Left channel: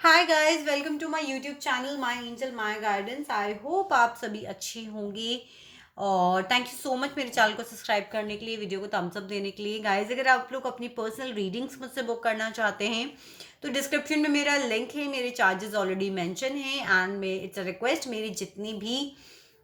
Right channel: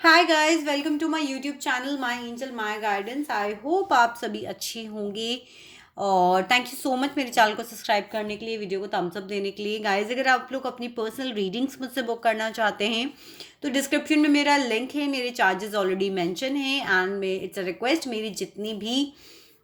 Hi guys, welcome to my YouTube channel my angel my guidance. I hope आप सभी अच्छे होंगे और थैंक यू सो मच मेरे चैनल को सब्सक्राइब करने के लिए, वीडियो को थम्स अप देने के लिए। गाइस, अगर आप लोग अपनी पर्सनल रीडिंग्स मुझसे बुक करना चाहते हैं तो डिस्क्रिप्शन में मेरा लिंक है। मेरे चार्जेस ऑलरेडी मेंशन हैं एंड इट्स अ रिक्वेस्ट, मेरी जितनी भी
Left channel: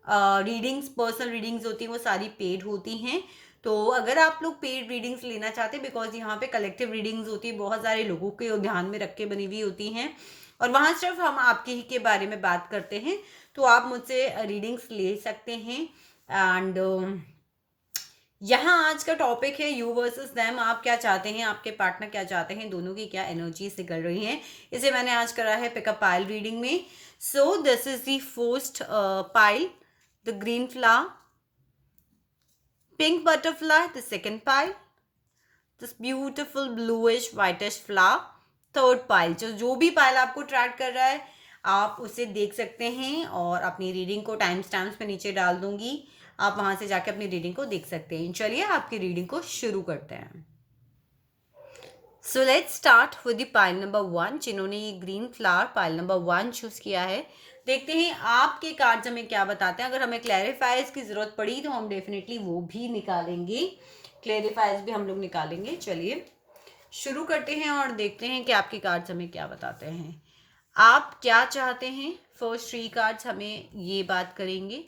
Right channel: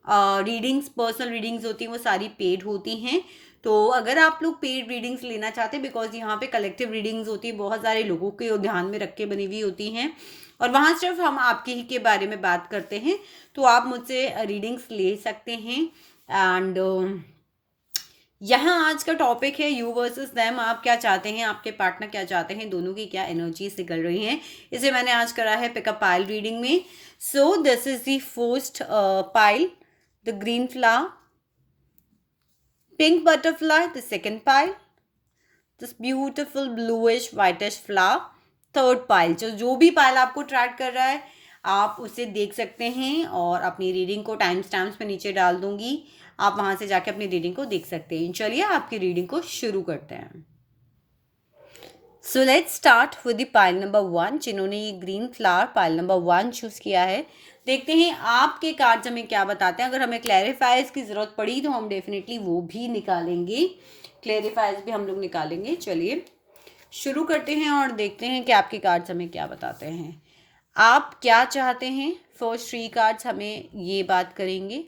रीडिंग्स, पर्सनल रीडिंग्स होती हैं वो सारी पेड होती हैं। तो अगर आप लोग पेड रीडिंग्स लेना चाहते हैं, बिकॉज यहाँ पे कलेक्टिव रीडिंग्स होती है, बहुत सारे लोगों के ध्यान में रख के बनी हुई होती हैं और वहाँ सिर्फ हम आपके ही के बारे में बात करते हैं, तो आप मुझसे रीडिंग्स ले सकते हैं। एंड यहाँ आज का टॉपिक है यू वर्सेस देम। आप क्या चाहते हैं, आपके पार्टनर क्या चाहते हैं, दोनों की क्या एनर्जीज निकल रही हैं, इसे मैंने आज करा है पिकअप पाइल रीडिंग में। So this is the first pile, the green flower, pink butterfly, the second pile, this beautiful bluish whitish flower, third pile। जो भी पाइल आपको ट्रैक कर रहा है आप उसे देख सकते हैं और अपनी रीडिंग को टाइम स्टैम्प्स में नीचे डाल दूंगी, आप वहां से जाके अपनी रीडिंग को देख सकते हैं। चलिए आपकी रीडिंग को शुरू करते हैं। So let's start with the pile number 1। जिन्होंने ये green flower pile number 1 choose किया है, देखते हैं आपके कार्ड्स हमें क्या बताते हैं। अगर हमें क्लैरिफाइज की जरूरत पड़ी तो हम डेफिनेटली वो भी निकालेंगे, क्लैरिफाइज भी हम लोग निकालेंगे। चलिए शुरू करते हैं और देखते हैं कि आपके कार्ड्स हमें क्या बताते हैं, आप क्या चाहते हैं। फर्स्ट 3 कार्ड्स हमें ये बात करेंगे।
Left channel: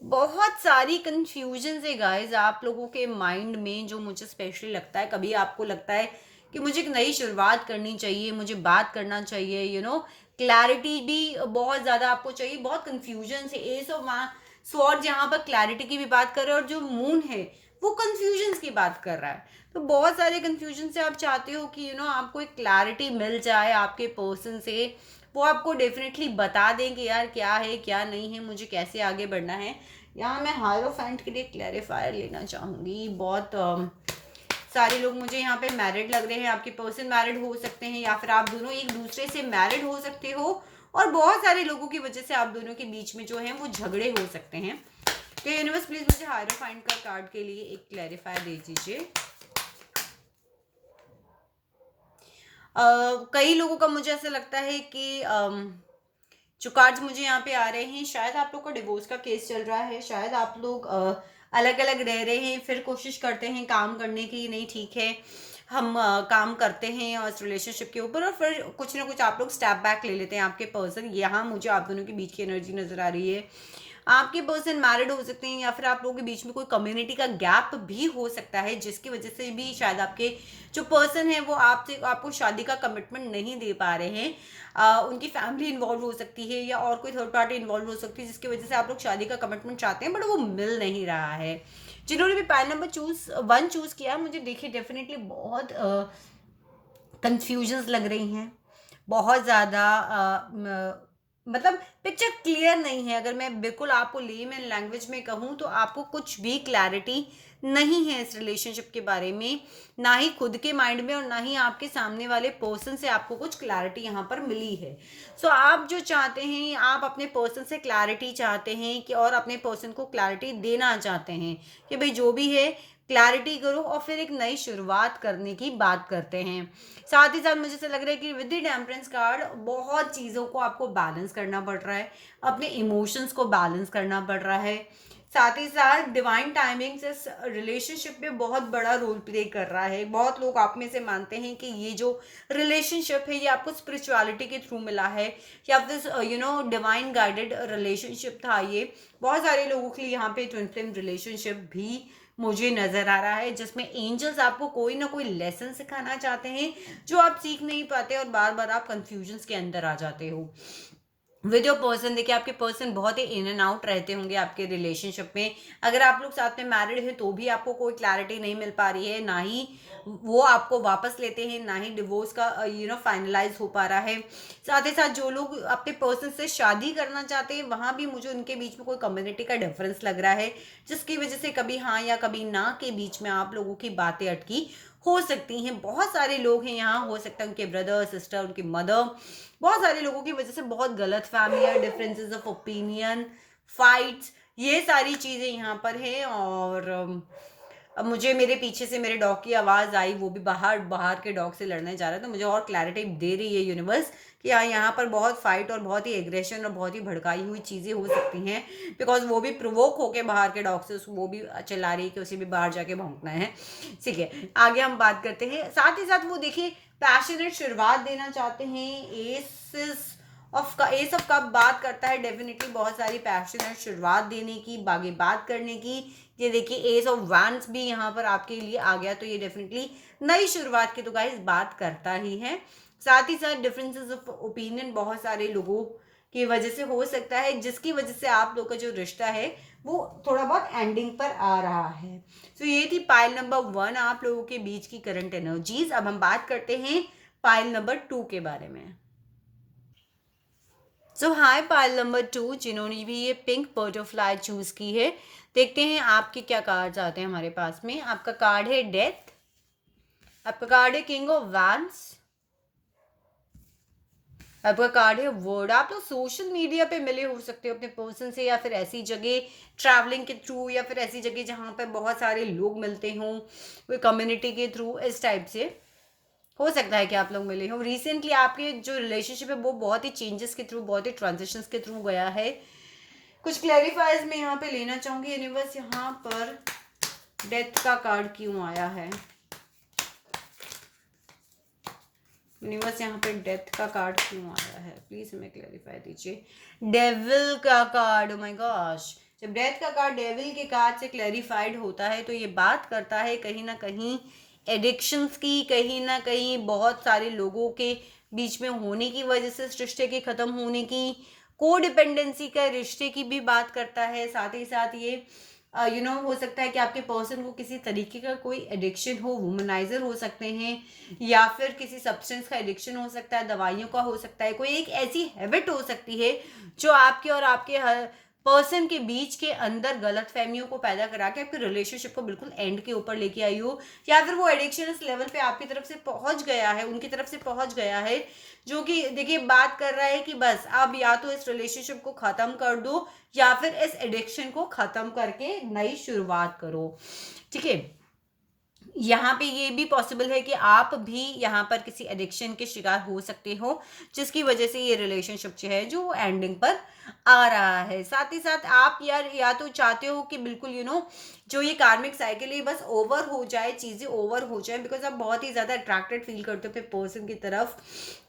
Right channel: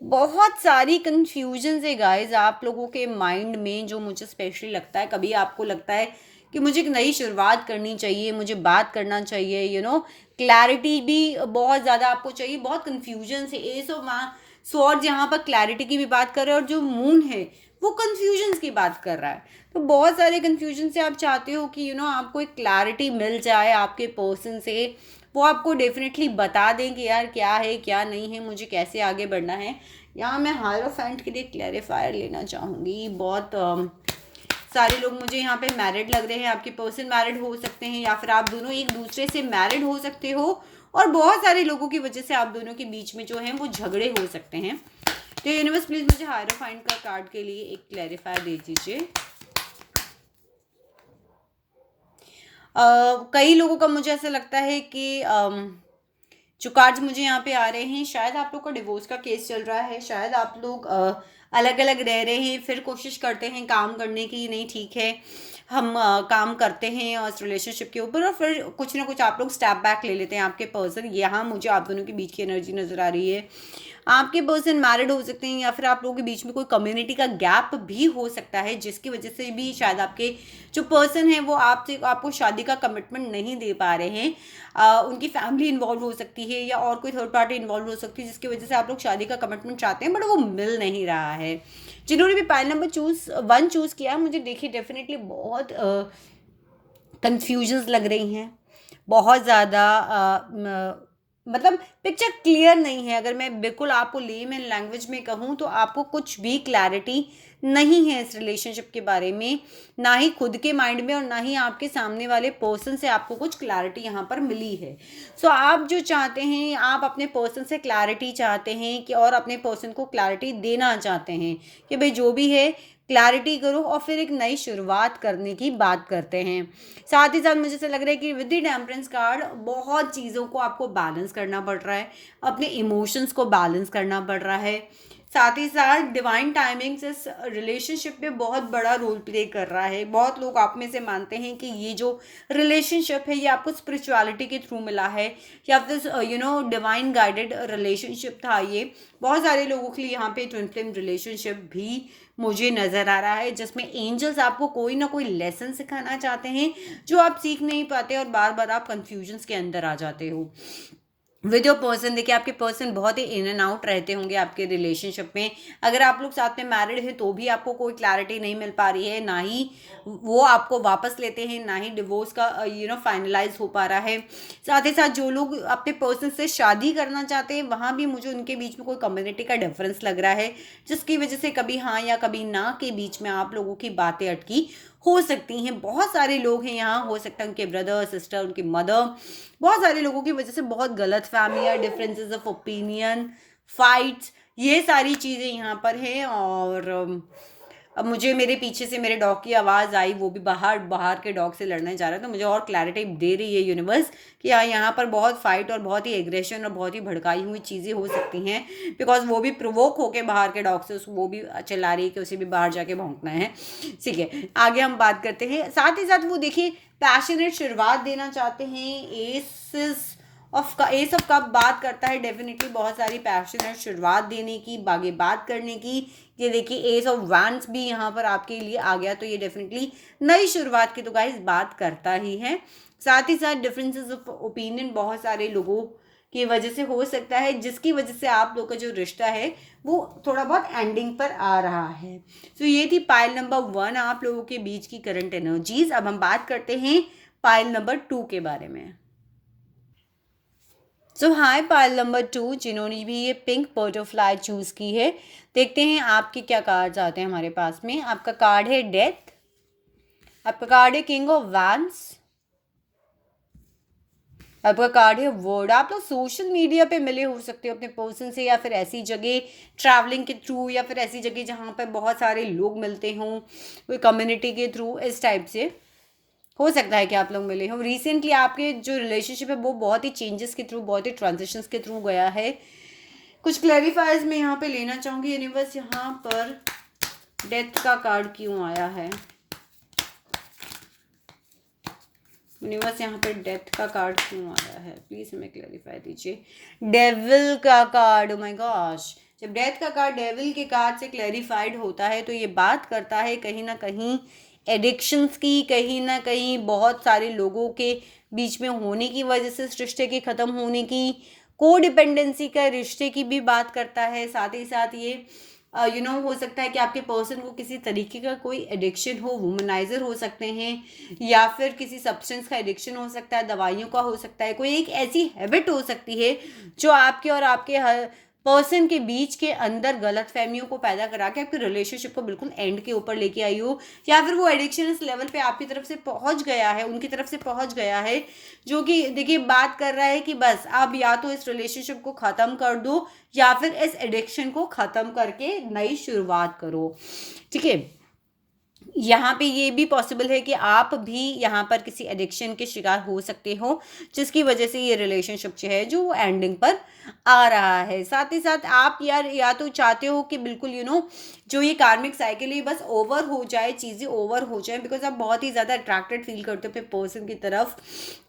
बहुत सारी कन्फ्यूजन है गाइज आप लोगों के माइंड में, जो मुझे स्पेशली लगता है। कभी आपको लगता है कि मुझे एक नई शुरुआत करनी चाहिए, मुझे बात करना चाहिए, क्लैरिटी भी बहुत ज़्यादा आपको चाहिए। बहुत कन्फ्यूजन से एस ऑफ स्वॉर्ड्स यहाँ पर क्लैरिटी की भी बात कर रहे हैं और जो मून है वो कन्फ्यूजन की बात कर रहा है। तो बहुत सारे कन्फ्यूजन से आप चाहते हो कि आपको एक क्लैरिटी मिल जाए आपके पर्सन से, वो आपको डेफिनेटली बता दें कि यार क्या है क्या नहीं है, मुझे कैसे आगे बढ़ना है। यहाँ मैं हायरोफेंट के लिए क्लैरिफायर लेना चाहूँगी। बहुत सारे लोग मुझे यहाँ पे मैरिड लग रहे हैं, आपके पर्सन मैरिड हो सकते हैं या फिर आप दोनों एक दूसरे से मैरिड हो सकते हो और बहुत सारे लोगों की वजह से आप दोनों के बीच में जो है वो झगड़े हो सकते हैं। तो यूनिवर्स प्लीज मुझे हायरोफेंट का कार्ड के लिए एक क्लैरिफायर दे दीजिए। कई लोगों का मुझे ऐसा लगता है कि जो कार्ड्स मुझे यहाँ पे आ रहे हैं, शायद आप लोग का डिवोर्स का केस चल रहा है, शायद आप लोग अलग अलग रह रहे हैं, फिर कोशिश करते हैं काम करने की, नहीं ठीक है हम काम करते हैं और रिलेशनशिप के ऊपर, और फिर कुछ ना कुछ आप लोग स्टेप बैक ले लेते हैं। आपके पर्सन, यहाँ मुझे आप दोनों के बीच की एनर्जी नज़र आ रही है। आपके पर्सन मैरिड हो सकते हैं या फिर आप लोगों के बीच में कोई कम्युनिटी का गैप भी हो सकता है, जिसकी वजह से भी शायद आपके जो पर्सन है वो आपको शादी का कमिटमेंट नहीं दे पा रहे हैं। उनकी फैमिली इन्वॉल्व हो सकती है या और कोई थर्ड पार्टी इन्वॉल्व हो सकती है, जिसकी वजह से आप लोग शादी का कमिटमेंट चाहते हैं बट वो मिल नहीं रहा है। जिन्होंने भी पाइल नंबर 1 चूज किया, मुझे देखिए डेफिनेटली बहुत कंफ्यूजन्स लग रही हैं, बहुत ज़्यादा मतलब पिक्चर क्लियर नहीं है। अगर मैं बिल्कुल आपको लेमैन लैंग्वेज में कहूँ तो आपको कुछ भी क्लैरिटी नहीं है इस रिलेशनशिप के बारे में, ना ही खुद के माइंड में और ना ही आपके सामने वाले पर्सन से आपको कुछ क्लैरिटी यहाँ पर मिली है। सो आप जो चाहते हैं, आप अपने पर्सन से क्लैरिटी चाहते हैं कि और अपने पर्सन को क्लैरिटी देना चाहते हैं कि भाई जो भी है क्लैरिटी करो और फिर एक नई शुरुआत करने की बात करते हैं। साथ ही साथ मुझे ऐसा लग रहा है कि विद द टेम्परेंस कार्ड बहुत चीज़ों को आपको बैलेंस करना पड़ रहा है, अपने इमोशंस को बैलेंस करना पड़ रहा है। साथ ही साथ डिवाइन टाइमिंग्स इस रिलेशनशिप में बहुत बड़ा रोल प्ले कर रहा है। बहुत लोग आप में से मानते हैं कि ये जो रिलेशनशिप है ये आपको स्पिरिचुअलिटी के थ्रू मिला है या फिर डिवाइन गाइडेड रिलेशनशिप था ये। बहुत सारे लोगों के लिए यहाँ पे ट्विन फ्लेम रिलेशनशिप भी मुझे नज़र आ रहा है, जिसमें एंजल्स आपको कोई ना कोई लेसन सिखाना चाहते हैं जो आप सीख नहीं पाते और बार बार आप कंफ्यूजन्स के अंदर आ जाते हो विद योर पर्सन। देखिए आपके पर्सन बहुत ही इन एंड आउट रहते होंगे आपके रिलेशनशिप में। अगर आप लोग साथ में मैरिड हैं तो भी आपको कोई क्लैरिटी नहीं मिल पा रही है, ना ही वो आपको वापस लेते हैं, ना ही डिवोर्स का फाइनलाइज हो पा रहा है। साथ ही साथ जो लोग अपने पर्सन से शादी करना चाहते हैं, वहाँ भी मुझे उनके बीच में कोई कम्युनिटी का डिफरेंस लग रहा है, जिसकी वजह से कभी हाँ या कभी ना के बीच में आप लोगों की बातें अटकी हो सकती हैं। बहुत सारे लोग हैं यहाँ, हो सकता है उनके ब्रदर सिस्टर, उनकी मदर, बहुत सारे लोगों की वजह से बहुत गलत फहमी है, डिफरेंसेस ऑफ ओपिनियन, फाइट्स, ये सारी चीज़ें यहाँ पर हैं। और अब मुझे मेरे पीछे से मेरे डॉग की आवाज़ आई, वो भी बाहर बाहर के डॉग से लड़ने जा रहा है, तो मुझे और क्लैरिटी दे रही है यूनिवर्स कि हाँ, यहाँ पर बहुत फाइट और बहुत ही एग्रेशन और बहुत ही भड़काई हुई चीज़ें हो सकती हैं, बिकॉज वो भी प्रोवोक होके बाहर के डॉग से वो भी चिल्ला रही है कि उसे भी बाहर जाके भौंकना है। ठीक है, आगे हम बात करते हैं। साथ ही साथ वो देखिए पैशनेट शुरुआत देना चाहते हैं। एस ऑफ कप बात करता है डेफिनेटली बहुत सारी पैशनेट शुरुआत देने की, आगे बात करने की। ये देखिए एस ऑफ वैंड्स भी यहाँ पर आपके लिए आ गया, तो ये डेफिनेटली नई शुरुआत की तो गाइस बात करता ही है। साथ ही साथ डिफरेंसेस ऑफ ओपिनियन बहुत सारे लोगों की वजह से हो सकता है, जिसकी वजह से आप लोग का जो रिश्ता है वो थोड़ा बहुत एंडिंग पर आ रहा है। तो ये थी पाइल नंबर 1 आप लोगों के बीच की करंट एनर्जीज। अब हम बात करते हैं पाइल नंबर 2 के बारे में। सो हाय पाइल नंबर 2 जिन्होंने भी ये पिंक बटरफ्लाई चूज की है, देखते हैं आपके क्या कार्ड्स आते हैं हमारे पास में। आपका कार्ड है डेथ, आपका कार्ड है किंग ऑफ वैंड्स, आपका कार्ड है वर्ड। आप लोग सोशल मीडिया पे मिले हो सकते हो अपने पर्सन से, या फिर ऐसी जगह ट्रैवलिंग के थ्रू, या फिर ऐसी जगह जहाँ पर बहुत सारे लोग मिलते हों, कोई कम्युनिटी के थ्रू, इस टाइप से हो सकता है कि आप लोग मिले हो। रिसेंटली आपके जो रिलेशनशिप है वो बहुत ही चेंजेस के थ्रू, बहुत ही ट्रांजिशंस के थ्रू गया है। कुछ क्लैरिफाइज मैं यहाँ पे लेना चाहूँगी यूनिवर्स। यहाँ पर डेथ का कार्ड क्यों आया है यूनिवर्स? यहाँ पे डेथ का कार्ड क्यों आया है, प्लीज हमें क्लैरिफाई दीजिए। डेविल का कार्ड, ओ माय गॉश, जब डेथ का कार्ड डेविल के कार्ड से क्लैरिफाइड होता है तो ये बात करता है कहीं ना कहीं एडिक्शंस की, कहीं ना कहीं बहुत सारे लोगों के बीच में होने की वजह से इस रिश्ते के ख़त्म होने की, को डिपेंडेंसी का रिश्ते की भी बात करता है। साथ ही साथ ये हो सकता है कि आपके पर्सन को किसी तरीके का कोई एडिक्शन हो, वुमनाइजर हो सकते हैं, या फिर किसी सब्सटेंस का एडिक्शन हो सकता है, दवाइयों का हो सकता है, कोई एक ऐसी हैबिट हो सकती है जो आपके और आपके पर्सन के बीच के अंदर गलत फहमियों को पैदा करा के आपके रिलेशनशिप को बिल्कुल एंड के ऊपर लेके आई हो, या फिर वो एडिक्शन इस लेवल पे आपकी तरफ से पहुंच गया है, उनकी तरफ से पहुंच गया है, जो कि देखिए बात कर रहा है कि बस अब या तो इस रिलेशनशिप को ख़त्म कर दो, या फिर इस एडिक्शन को ख़त्म करके नई शुरुआत करो। ठीक है, यहाँ पे ये भी पॉसिबल है कि आप भी यहाँ पर किसी एडिक्शन के शिकार हो सकते हो, जिसकी वजह से ये रिलेशनशिप जो है जो वो एंडिंग पर आ रहा है। साथ ही साथ आप यार या तो चाहते हो कि बिल्कुल जो ये कार्मिक साइकिल है बस ओवर हो जाए, चीज़ें ओवर हो जाए, बिकॉज आप बहुत ही ज़्यादा अट्रैक्टेड फील करते हो अपने पर्सन की तरफ।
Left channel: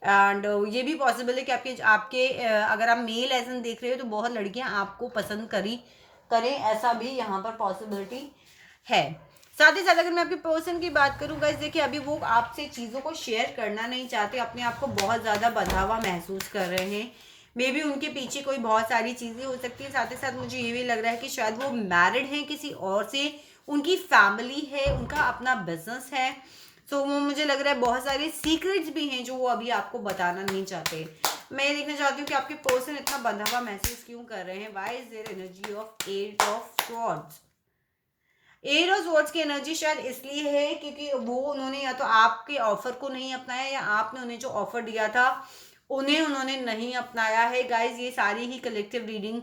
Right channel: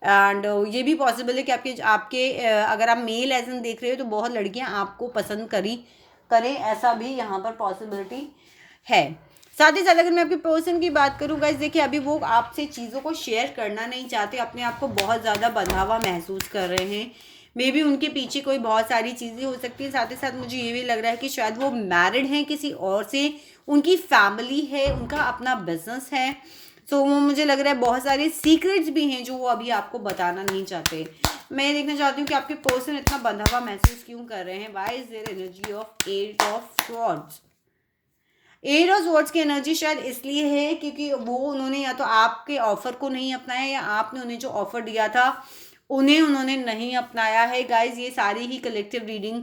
एंड ये भी पॉसिबल है कि आपके आपके अगर आप मेल एसन देख रहे हो तो बहुत लड़कियाँ आपको पसंद करें, ऐसा भी यहाँ पर पॉसिबिलिटी है। साथ ही साथ अगर मैं आपके पर्सन की बात करूँ गाइस, देखिए अभी वो आपसे चीज़ों को शेयर करना नहीं चाहते, अपने आप को बहुत ज़्यादा बंधा हुआ महसूस कर रहे हैं। मे बी उनके पीछे कोई बहुत सारी चीज़ें हो सकती हैं। साथ ही साथ मुझे ये भी लग रहा है कि शायद वो मैरिड हैं किसी और से, उनकी फैमिली है, उनका अपना बिजनेस है। सो वो मुझे लग रहा है बहुत सारे सीक्रेट्स भी हैं जो वो अभी आपको बताना नहीं चाहते। मैं देखना चाहती हूँ कि आपके पर्सन इतना बंधा हुआ महसूस क्यों कर रहे हैं। Why is their energy of 8 of swords? 8 of swords की एनर्जी शायद इसलिए है क्योंकि वो उन्होंने या तो आपके ऑफर को नहीं अपनाया, या आपने उन्हें जो ऑफर दिया था उन्होंने नहीं अपनाया है। गाइज ये सारी ही कलेक्टिव रीडिंग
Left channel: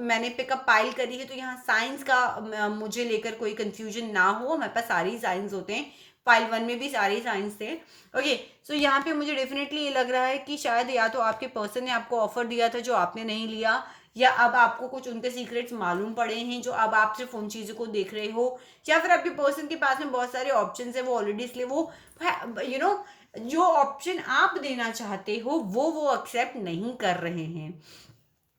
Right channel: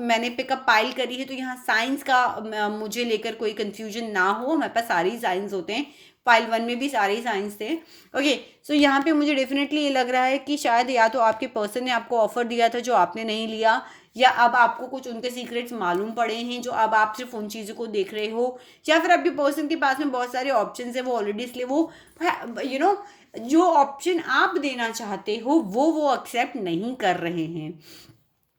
मैंने पिकअप पाइल करी है, तो यहाँ साइंस का मुझे लेकर कोई कंफ्यूजन ना हो, हमारे पास सारे ही साइंस होते हैं, पाइल 1 में भी सारे ही साइंस थे। ओके, सो यहाँ पे मुझे डेफिनेटली ये लग रहा है कि शायद या तो आपके पर्सन ने आपको ऑफर दिया था जो आपने नहीं लिया, या अब आपको कुछ उनके सीक्रेट्स मालूम पड़े हैं जो अब आप सिर्फ उन चीज़ों को देख रहे हो, या फिर आपके पर्सन के पास में बहुत सारे ऑप्शंस है वो ऑलरेडी, इसलिए वो जो ऑप्शन आप देना चाहते हो वो एक्सेप्ट नहीं कर रहे हैं।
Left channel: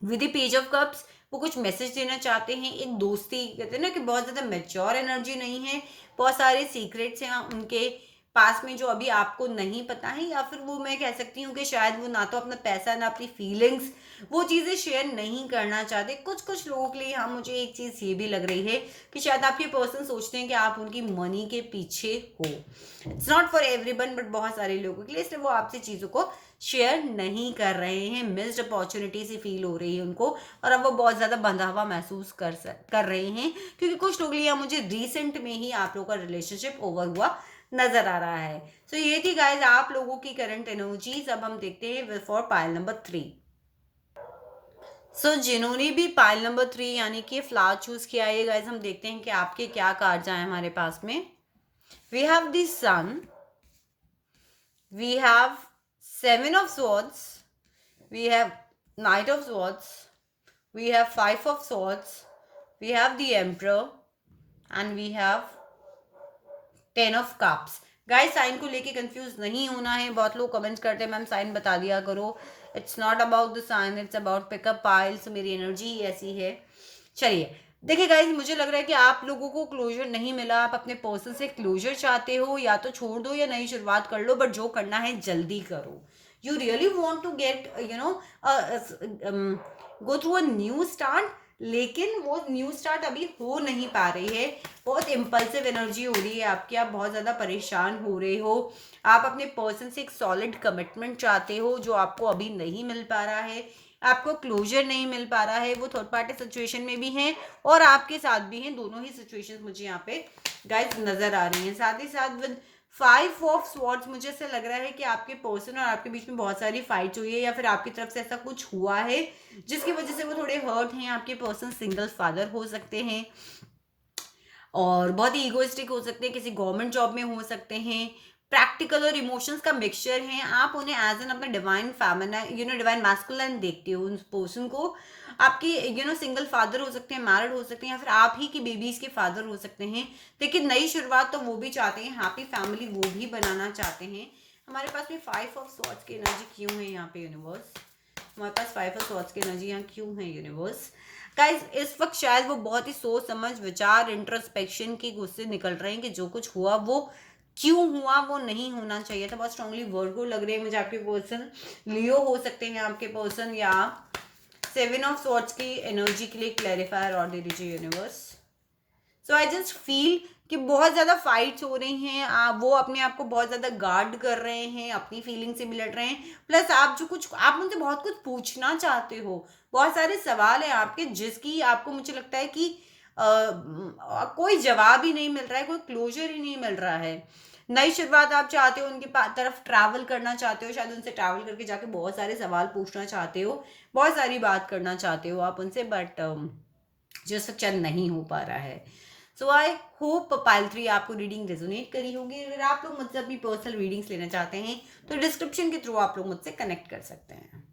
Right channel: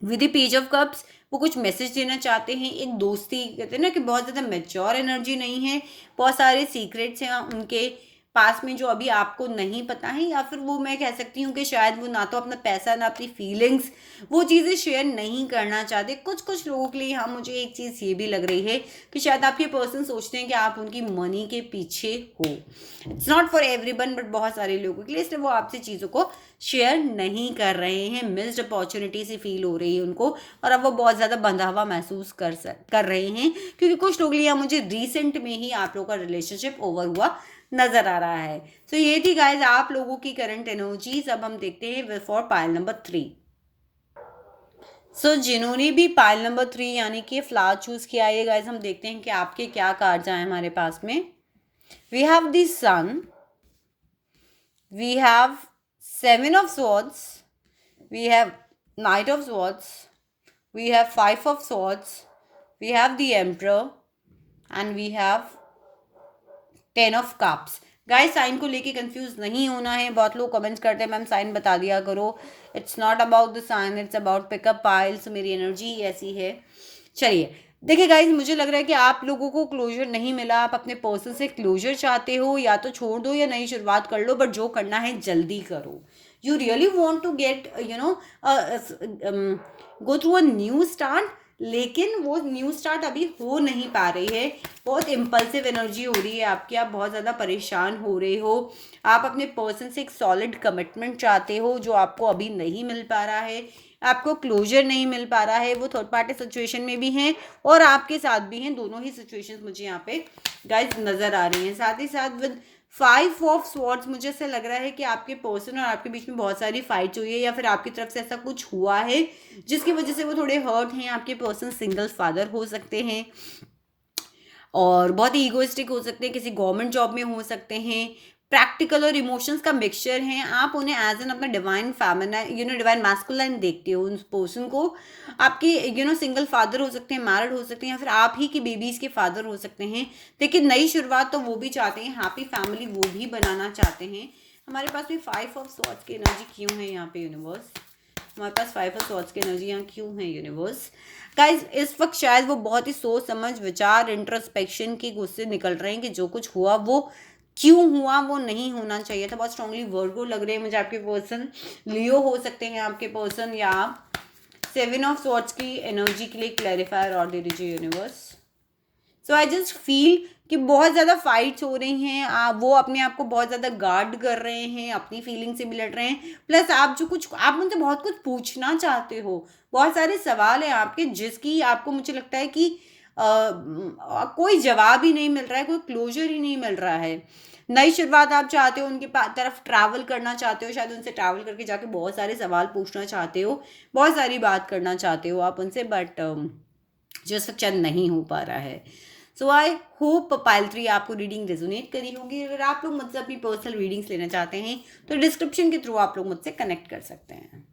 With the page of cups वो कुछ मैसेज देना चाहते हैं, एक दोस्ती, कहते हैं ना कि बहुत ज़्यादा मैच्योर एनर्जी नहीं है, बहुत सारे सीक्रेट्स हैं उनके पास में जो अभी आपको नहीं पता है, या फिर वो मैं कह सकती हूँ कि शायद वो ना तो अपना पैसा ना अपनी फीलिंग्स वो चीज़ें शेयर नहीं करना चाहते। कुछ कुछ लोगों के लिए हाँ मुझे एक चीज़ ये भी लग रही है कि शायद आपके पर्सन सोचते हैं कि आप उनकी मनी के पीछे हो। It's not for everyone but बहुत सारे लोगों के लिए, इसलिए वो आपसे चीज़ों को शेयर नहीं कर रहे हैं। मिस्ड अपॉर्चुनिटी सी फील हो रही है उनको, और अब वो बहुत ज़्यादा बंधा हुआ महसूस कर रहे हैं, क्योंकि कुछ लोग लिए मुझे रिसेंट में ही आप लोगों का रिलेशनशिप ओवर हुआ नजर आ रहा है। तो ये थी गाइज आप लोगों की करंट एनर्जीज। अब हम देखते हैं फॉर पाइल नंबर 3। सो जिन्होंने भी पाइल नंबर 3 यानी कि फ्लावर चूज किया है गाइस, हम देखते हैं कि आपके क्या कार्ड्स आए हमारे पास में। We have the sun, we have 7 of swords, we have knight of swords, we have 5 of swords, we have the emperor, and we have 10 of cups। Guys sign को लेके कंफ्यूज नहीं होना है। बहुत लोग कमेंट्स करते हैं मैम साइन बता दिया करो। It's not about the sign, it's about pickup piles. मेरी एनर्जी ऐसी है। चलिए देखिए गाइज, मुझे लग रहा है कि आप लोगों को क्लोजर नहीं मिला। आप अपने पर्सन से क्लोजर चाहते हो, या तो छोड़ दो या नई शुरुआत कर लो, बट जो करना है जल्दी करो। You really want to get go through a new start, लेकिन वो न्यू स्टार्ट अभी हो नहीं पा रही है। बहुत इम्पल्सिव एनर्जी हो रही है आपकी, आप बहुत ज़्यादा परेशान हो रहे हो। आप अपने पर्सन से एक सॉलिड कमिटमेंट चाहते हो जो आपको अभी नहीं मिल पा रहा है। आपको क्लोजर नहीं मिल पा रहा है। वो थर्ड पार्टी सिचुएशन में भी हैं और आपके साथ भी हैं। दोनों ही सिचुएशंस मुझे यहाँ पे गाइस नज़र आ रही हैं। साथ ही साथ विद 5 of swords मुझे ऐसा लग रहा है कि आपके पर्सन और आपके बीच में बहुत सारी फाइट हुई है, या फिर आपकी तरफ से ऐसा कुछ हुआ है जिसकी वजह से वो थोड़े हर्ट हैं। आपके पर्सन सिंगल फादर हो सकते हैं और बहुत ही ईगोइस्टिक हो सकते हैं, किसी गवर्नमेंट जॉब में हो सकते हैं। प्रैक्टिकल और इमोशंस का मिक्सचर है। आप उन्हें एज एन अपना डिवाइन फेमिनाइन डिवाइन मैस्कुलाइन देखते हो। उस पर्सन को आपके सिंगल फादर हो सकते हैं, मैरिड हो सकते हैं, या फिर आप ही की बेबीज के फादर हो सकते हैं। लेकिन नई शुरुआत तो वो भी चाहते हैं, हैप्पी फैमिली वो भी बनाना चाहते हैं। हमारे पास में 5 of swords की एनर्जी क्यों है यहाँ पे यूनिवर्स? हमारे पास 5 of swords की एनर्जी यहाँ क्यों है यूनिवर्स? गाइज इस वक्त शायद वो बहुत ही सोच समझ विचार इंट्रोस्पेक्शन की गुस्से निकल रहे हैं कि जो कुछ हुआ वो क्यों हुआ, वो नहीं होना चाहिए था। बहुत स्ट्रांगली वर्गो लग रहे हैं मुझे आपके पर्सन। लियो हो सकते हैं आपके पर्सन, या 7 of swords की एनर्जी के लिए क्लैरिफायर और दे दीजिए universe. So I just feel कि बहुत ज़्यादा फाइट्स हो रही हैं। वो अपने आप को बहुत ज़्यादा गार्ड कर रहे हैं, अपनी फीलिंग से भी लड़ रहे हैं। प्लस आप मुझे बहुत कुछ पूछना चाहते हो। बहुत सारे सवाल हैं आपके जिसकी आपको मुझे लगता है कि कोई जवाब ही नहीं मिल रहा है, कोई क्लोजर ही नहीं मिल रहा है। नई शुरुआत आप चाहते हो, उनके तरफ ट्रैवल करना चाहते हो, शायद उनसे ट्रैवल करके जाके बहुत सारे सवाल पूछना चाहते हो, बहुत सारी बात करना चाहते हो आप उनसे, बट जो सब चंद नहीं हो पा रहा है। सो आई होप पाइल 3 आपको रीडिंग रेजोनेट करी होगी। अगर आप लोग मुझसे अपनी पर्सनल रीडिंग्स लेना चाहते हैं तो डिस्क्रिप्शन के थ्रू आप लोग मुझसे कनेक्ट कर सकते हैं।